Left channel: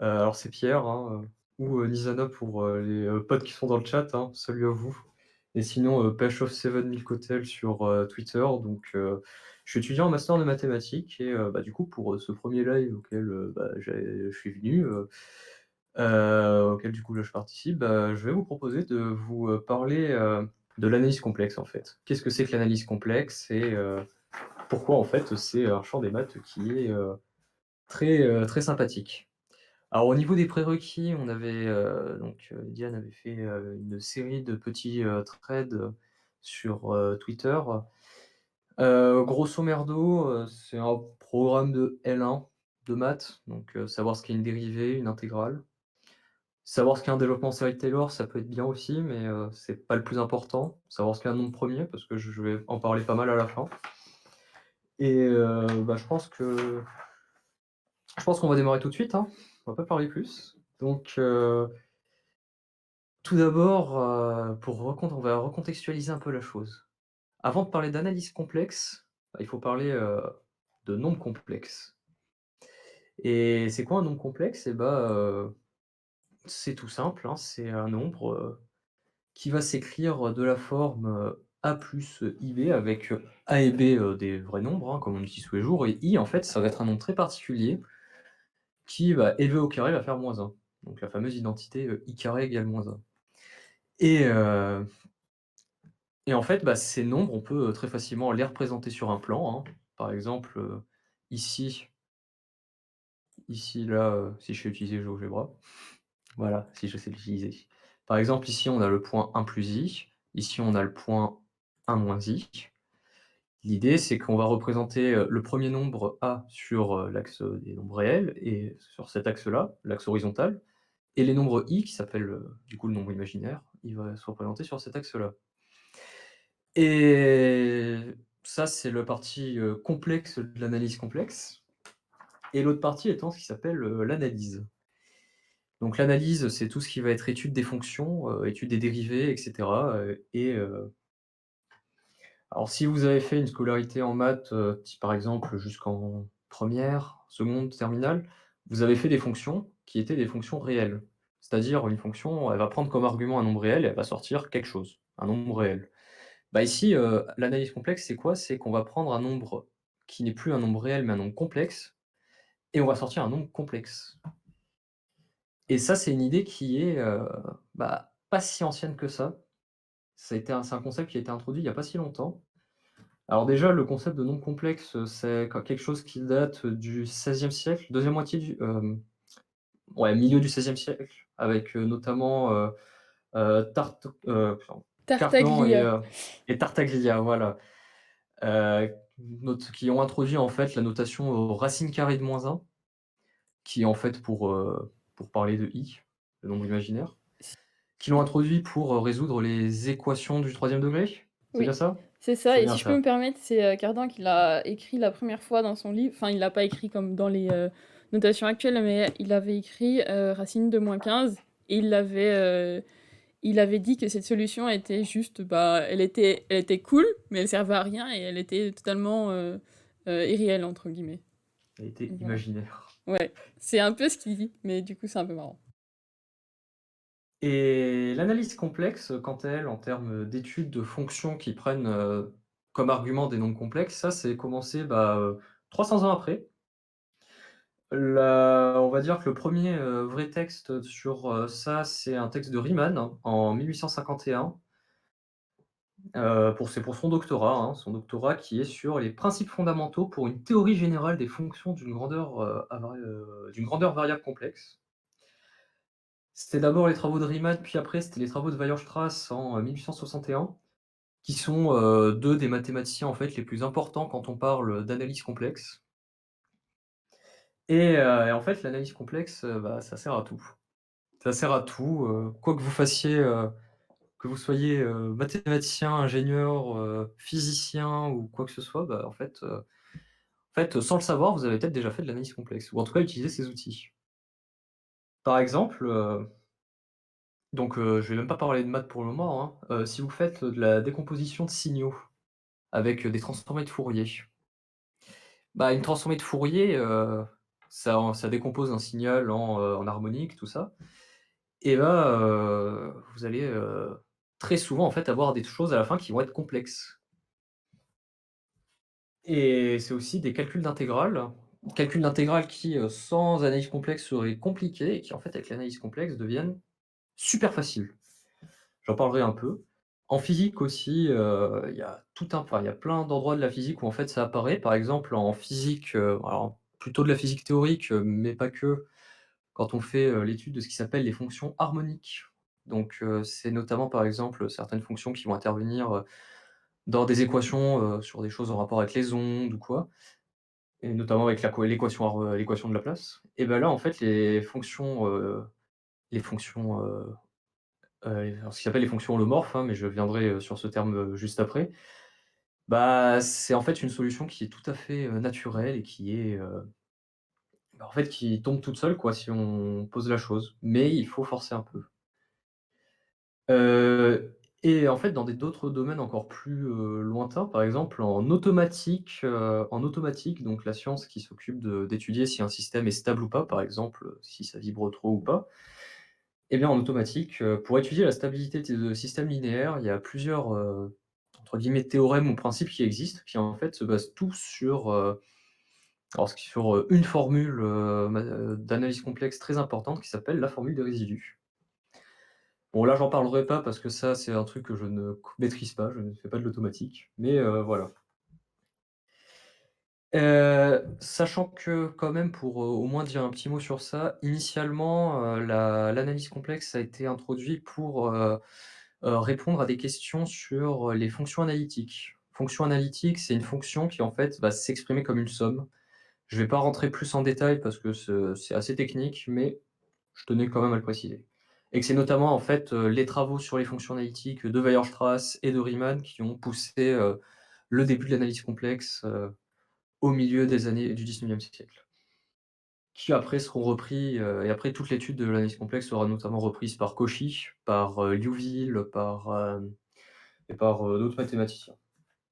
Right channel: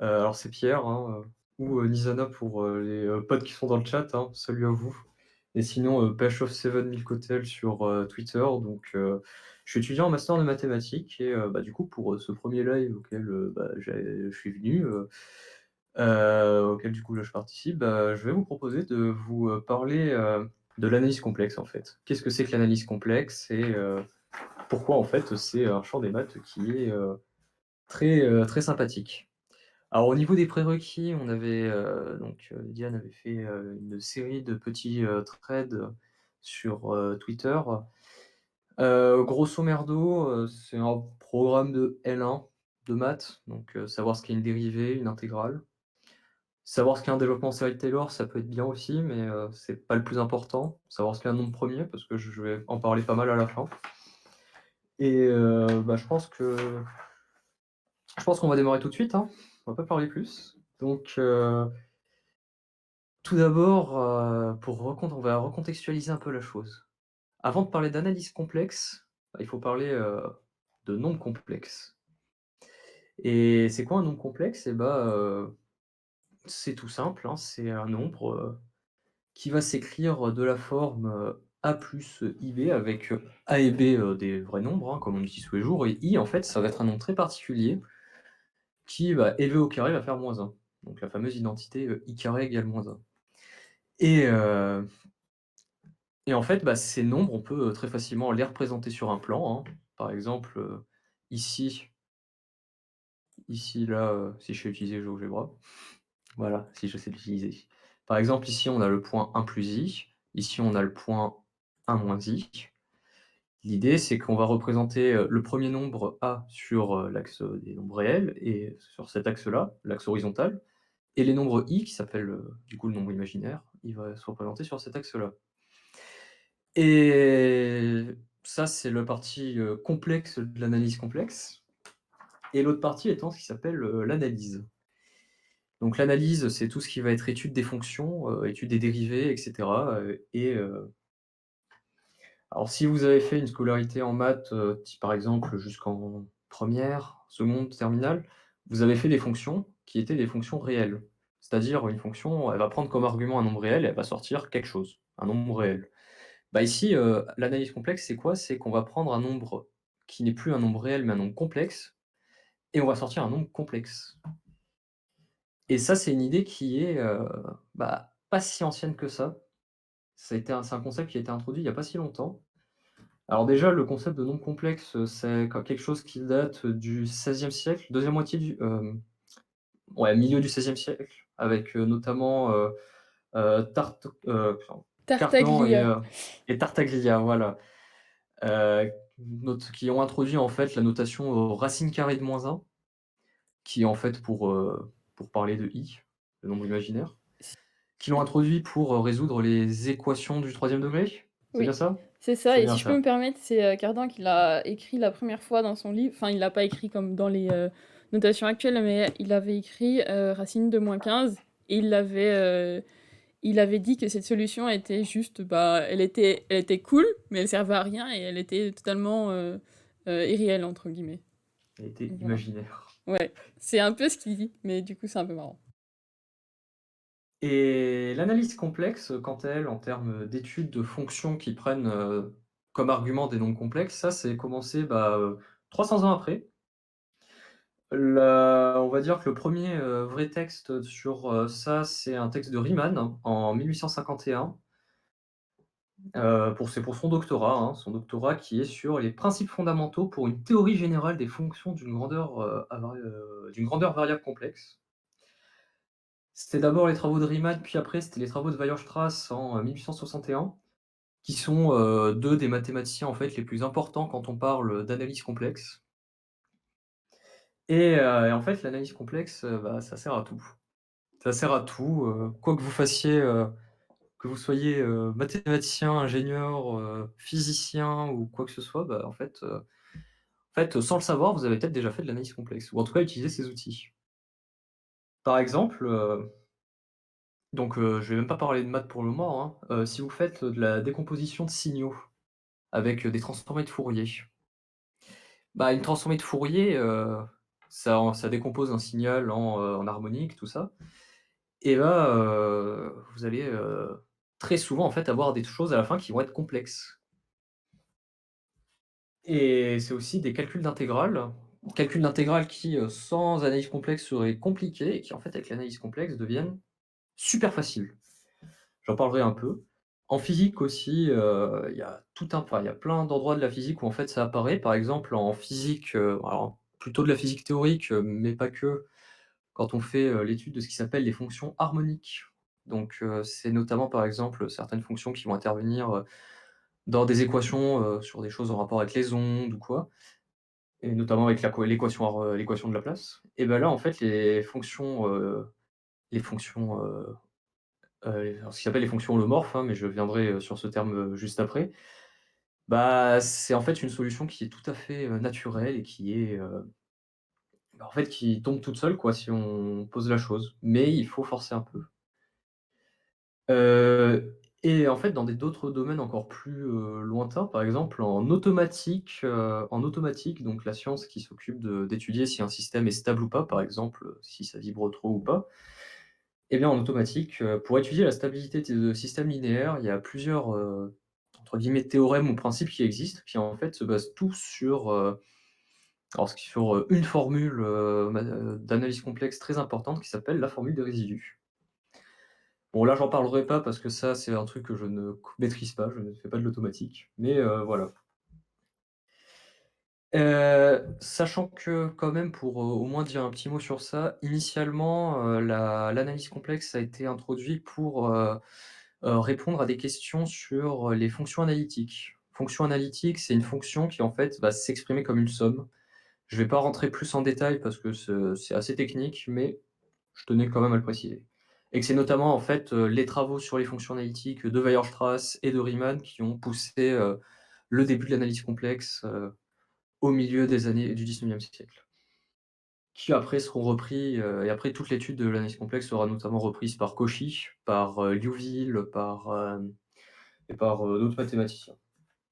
Alors c'est Pierre, hein, ou Nizana pour, les, potes qui sont dans le chat, hein. Salut à vous. Et sinon, Pêche of Seven Milk sur, Twitter. Donc, je suis étudiant en master de mathématiques et bah, du coup pour, ce premier live auquel, bah, je suis venu, auquel du coup là je participe, bah, je vais vous proposer de vous, parler, de l'analyse complexe en fait. Qu'est-ce que c'est que l'analyse complexe et pourquoi en fait c'est un champ des maths qui est, très sympathique. Alors au niveau des prérequis, on avait, Diane avait fait, une série de petits, threads, sur, Twitter. Grosso merdo, c'est un programme de L1 de maths, donc savoir ce qu'est une dérivée, une intégrale. Savoir ce qu'est un développement en série de Taylor, ça peut être bien aussi, mais c'est pas le plus important. Savoir ce qu'est un nombre premier, parce que je vais en parler pas mal à la fin. Et bah, je pense qu'on va démarrer tout de suite, hein. On va pas parler plus. Donc tout d'abord, on va recontextualiser un peu la chose. Avant de parler d'analyse complexe, bah, il faut parler, de nombres complexes. Et c'est quoi un nombre complexe? Et bah, c'est tout simple, hein, c'est un nombre, qui va s'écrire de la forme, A plus IB avec, A et B, des vrais nombres, hein, comme on utilise tous les jours, et I en fait, ça va être un nombre très particulier qui, bah, élevé au carré va faire -1. Donc la fameuse identité, I carré égale -1. Et Et en fait, bah, ces nombres, on peut, très facilement les représenter sur un plan, hein. Par exemple, ici, là, si je sais utiliser GeoGebra, voilà, si je sais l'utiliser. Par exemple, ici, on a le point 1 plus i, ici, on a le point 1 moins i. L'idée, c'est qu'on va représenter, le premier nombre A sur, l'axe, des nombres réels et sur cet axe-là, l'axe horizontal, et les nombres i qui s'appellent, du coup, le nombre imaginaire, il va se représenter sur cet axe-là. Et ça, c'est la partie, complexe de l'analyse complexe, et l'autre partie étant ce qui s'appelle, l'analyse. Donc l'analyse, c'est tout ce qui va être étude des fonctions, étude des dérivées et cetera, alors si vous avez fait une scolarité en maths, type par exemple jusqu'en première, seconde, terminale, vous avez fait des fonctions qui étaient des fonctions réelles. C'est-à-dire une fonction, elle va prendre comme argument un nombre réel et elle va sortir quelque chose, un nombre réel. Bah, ici, l'analyse complexe, c'est quoi? C'est qu'on va prendre un nombre qui n'est plus un nombre réel, mais un nombre complexe, et on va sortir un nombre complexe. Et ça, c'est une idée qui est, bah, pas si ancienne que ça. C'est un concept qui a été introduit il y a pas si longtemps. Alors déjà, le concept de nombre complexe, c'est quelque chose qui date du XVIe siècle, deuxième moitié du ouais, milieu du XVIe siècle, avec, notamment, pardon, Cardan Tartaglia. et Tartaglia, voilà. Qui ont introduit en fait la notation, racine carrée de -1, qui est en fait pour parler de i, le nombre imaginaire. Qui l'ont introduit pour, résoudre les équations du troisième degré? C'est bien Oui, ça? c'est ça C'est et bien si je peux ça. me permettre, c'est, Cardan qui l'a écrit la première fois dans son livre. Enfin, il l'a pas écrit comme dans les, notations actuelles, mais il avait écrit, racine de -15 et il avait dit que cette solution était juste, bah, elle était cool, mais elle servait à rien et elle était totalement, «irréelle» entre guillemets. Elle était Donc voilà. imaginaire. Ouais, c'est un peu ce qu'il dit, mais du coup, c'est un peu marrant. Et l'analyse complexe, quant à elle, en termes d'études de fonctions qui prennent, comme argument des nombres complexes, ça c'est commencé, bah, 300 ans après. On va dire que le premier vrai texte sur, ça, c'est un texte de Riemann en 1851, c'est pour son doctorat, hein, son doctorat qui est sur les principes fondamentaux pour une théorie générale des fonctions d'une grandeur variable complexe. C'était d'abord les travaux de Riemann, puis après c'était les travaux de Weierstrass en, 1861, qui sont, 2 des mathématiciens, en fait, les plus importants quand on parle d'analyse complexe. Et en fait, l'analyse complexe, bah, ça sert à tout. Ça sert à tout, quoi que vous fassiez, que vous soyez, mathématicien, ingénieur, physicien ou quoi que ce soit, bah, sans le savoir, vous avez peut-être déjà fait de l'analyse complexe ou en tout cas utilisé ces outils. Par exemple, je vais même pas parler de maths pour le moment, hein, si vous faites de la décomposition de signaux avec, des transformées de Fourier, bah, une transformée de Fourier, ça décompose un signal en harmonique, tout ça et là, vous allez, très souvent, en fait, avoir des choses à la fin qui vont être complexes et c'est aussi des calculs d'intégrales qui, sans analyse complexe seraient compliqués et qui, en fait, avec l'analyse complexe deviennent super faciles. J'en parlerai un peu. En physique aussi, il y a il y a plein d'endroits de la physique où en fait ça apparaît. Par exemple en physique, alors plutôt de la physique théorique, mais pas que, quand on fait, l'étude de ce qui s'appelle les fonctions harmoniques. Donc, c'est notamment par exemple, certaines fonctions qui vont intervenir, dans des équations, sur des choses en rapport avec les ondes ou quoi et notamment avec l'équation de Laplace et ben là en fait les fonctions, alors ce qui s'appelle les fonctions holomorphes, hein, mais je viendrai, sur ce terme, juste après. Bah, c'est en fait une solution qui est tout à fait, naturelle et qui est, bah, en fait, qui tombe toute seule quoi, si on pose la chose, mais il faut forcer un peu. Et en fait, dans d'autres domaines encore plus, lointains, par exemple en automatique, donc la science qui s'occupe d'étudier si un système est stable ou pas, par exemple, si ça vibre trop ou pas. Eh bien, en automatique, pour étudier la stabilité de systèmes linéaires, il y a plusieurs, entre guillemets «théorèmes» ou principes qui existent, qui en fait se basent tous sur une formule, d'analyse complexe très importante qui s'appelle la formule des résidus. Bon là, j'en parlerai pas parce que ça, c'est un truc que je ne maîtrise pas, je ne fais pas de l'automatique, mais voilà. Sachant que quand même pour, au moins dire un petit mot sur ça, initialement, l'analyse complexe a été introduit pour, répondre à des questions sur les fonctions analytiques. Fonction analytique, c'est une fonction qui en fait va s'exprimer comme une somme. Je vais pas rentrer plus en détail parce que c'est assez technique, mais je tenais quand même à le préciser. Et que c'est notamment en fait, les travaux sur les fonctions analytiques de Weierstrass et de Riemann qui ont poussé, le début de l'analyse complexe, au milieu des années du 19e siècle. Qui après seront repris, et après toute l'étude de l'analyse complexe sera notamment reprise par Cauchy, par, Liouville, par, et par, d'autres mathématiciens.